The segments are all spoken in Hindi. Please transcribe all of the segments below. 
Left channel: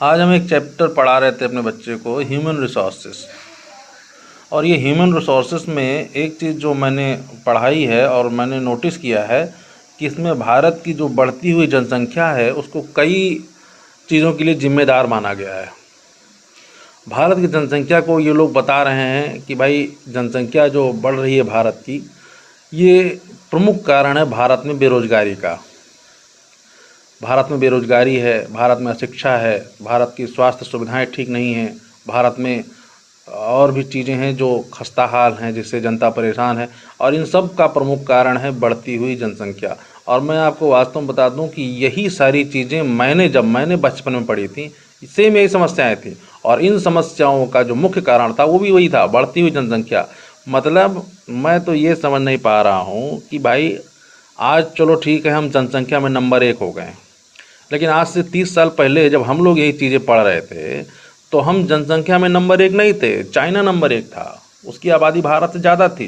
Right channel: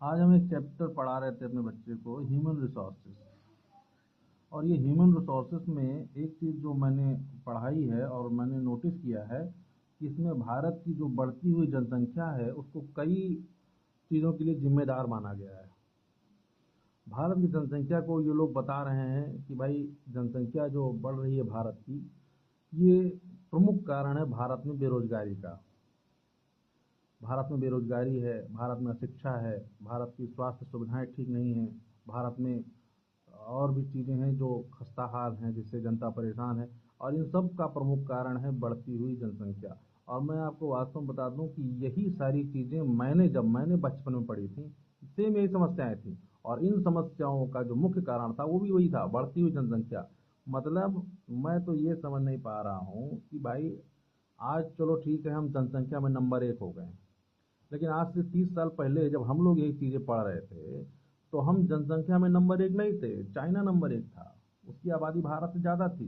आज हम एक चैप्टर पढ़ा रहे थे अपने बच्चे को, ह्यूमन रिसोर्सेस। और ये ह्यूमन रिसोर्सेस में एक चीज़ जो मैंने पढ़ाई है और मैंने नोटिस किया है कि इसमें भारत की जो बढ़ती हुई जनसंख्या है उसको कई चीज़ों के लिए जिम्मेदार माना गया है। भारत की जनसंख्या को ये लोग बता रहे हैं कि भाई जनसंख्या जो बढ़ रही है भारत की, ये प्रमुख कारण है भारत में बेरोजगारी का। भारत में बेरोजगारी है, भारत में अशिक्षा है, भारत की स्वास्थ्य सुविधाएं ठीक नहीं हैं, भारत में और भी चीज़ें हैं जो खस्ता हाल हैं जिससे जनता परेशान है। और इन सब का प्रमुख कारण है बढ़ती हुई जनसंख्या। और मैं आपको वास्तव में बता दूं कि यही सारी चीज़ें जब मैंने बचपन में पढ़ी थी, सेम यही समस्याएं थी। और इन समस्याओं का जो मुख्य कारण था वो भी वही था, बढ़ती हुई जनसंख्या। मतलब मैं तो ये समझ नहीं पा रहा हूँ कि भाई आज चलो ठीक है, हम जनसंख्या में नंबर 1 हो गए, लेकिन आज से 30 साल पहले जब हम लोग यही चीज़ें पढ़ रहे थे तो हम जनसंख्या में नंबर 1 नहीं थे, चाइना नंबर 1 था। उसकी आबादी भारत से ज़्यादा थी।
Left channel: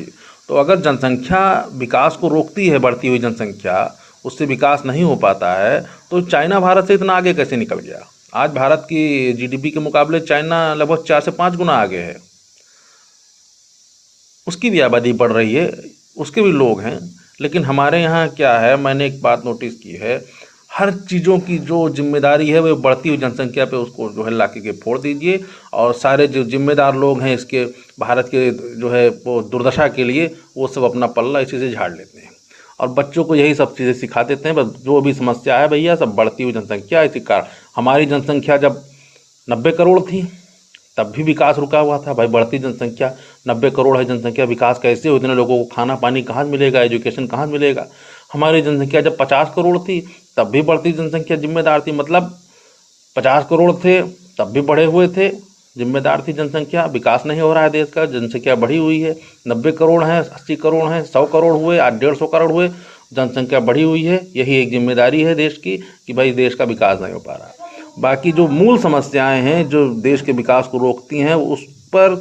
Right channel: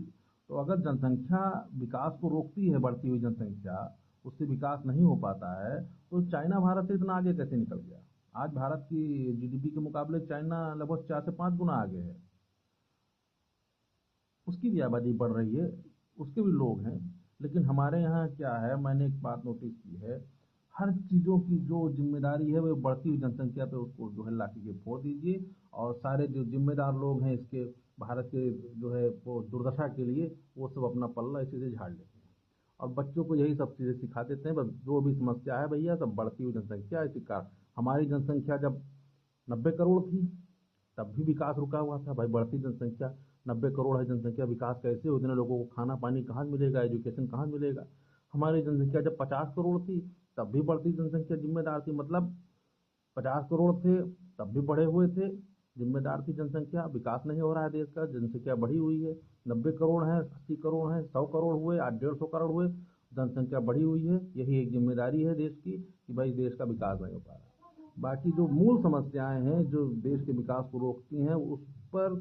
तो अगर जनसंख्या विकास को रोकती है, बढ़ती हुई जनसंख्या, उससे विकास नहीं हो पाता है, तो चाइना भारत से इतना आगे कैसे निकल गया? आज भारत की जीडीपी के मुकाबले चाइना लगभग 4 से 5 गुना आगे है। उसकी भी आबादी बढ़ रही है, उसके भी लोग हैं। लेकिन हमारे यहाँ क्या है, मैंने एक बात नोटिस की है, हर चीज़ों की जो जिम्मेदारी है वो बढ़ती हुई जनसंख्या पे उसको जो है ला के फोड़ दीजिए। और सारे जो जिम्मेदार लोग हैं इसके, भारत के जो है वो दुर्दशा के लिए, वो सब अपना पल्ला इसी से झाड़ लेते हैं। और बच्चों को यही सब चीज़ें सिखा देते हैं। बस जो भी समस्या है भैया, सब बढ़ती हुई जनसंख्या, इसी कारण। हमारी जनसंख्या जब 90 करोड़ थी तब भी विकास रुका हुआ था। भाई बढ़ती जनसंख्या, 90 करोड़ है जनसंख्या, विकास कैसे हो? इतने लोगों को खाना पानी कहाँ से मिलेगा, एजुकेशन कहाँ से मिलेगा? हमारी जनसंख्या जब 50 करोड़ थी तब भी बढ़ती जनसंख्या जिम्मेदार थी। मतलब 50 करोड़ थे तब भी बढ़े हुए थे, जिम्मेदार थी जनसंख्या। विकास नहीं हो रहा है देश का, जनसंख्या बढ़ी हुई है। 90 करोड़ हैं, 80 करोड़ हैं, 100 करोड़ हुए, आज 150 करोड़ हुए, जनसंख्या बढ़ी हुई है। यही एक जिम्मेदारी है देश की कि भाई देश का विकास नहीं हो पा रहा। बाकी जो मूल समस्याएं हैं जो देश के विकास को रोकती हैं, उस पर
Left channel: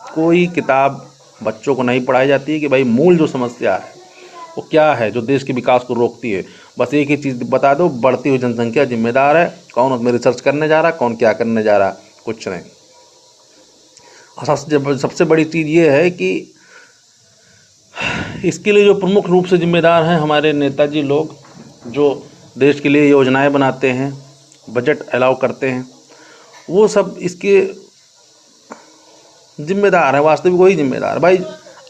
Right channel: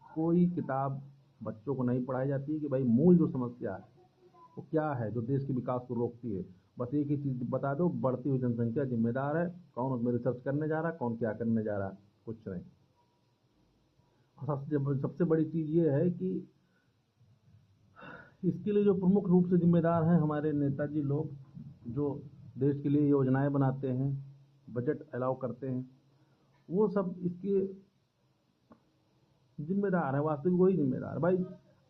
कोई किताब बच्चों को नहीं पढ़ाई जाती है कि भाई मूल जो समस्या है वो क्या है जो देश के विकास को रोकती है। बस एक ही चीज़ बता दो, बढ़ती हुई जनसंख्या जिम्मेदार है। कौन उसमें रिसर्च करने जा रहा, कौन क्या करने जा रहा, कुछ नहीं। और सबसे बड़ी चीज़ ये है कि इसके लिए जो प्रमुख रूप से जिम्मेदार हैं हमारे नेताजी लोग, जो देश के लिए योजनाएं बनाते हैं, बजट अलाउ करते हैं, वो सब इसके जिम्मेदार है। वास्तविक वही जिम्मेदार है भाई।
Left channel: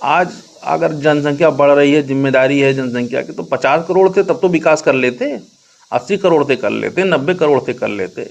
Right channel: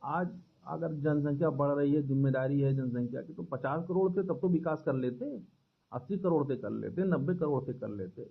आज अगर जनसंख्या बढ़ रही है, जिम्मेदारी है जनसंख्या की, तो 50 करोड़ थे तब तो विकास कर लेते, 80 करोड़ थे कर लेते, 90 करोड़ थे कर लेते।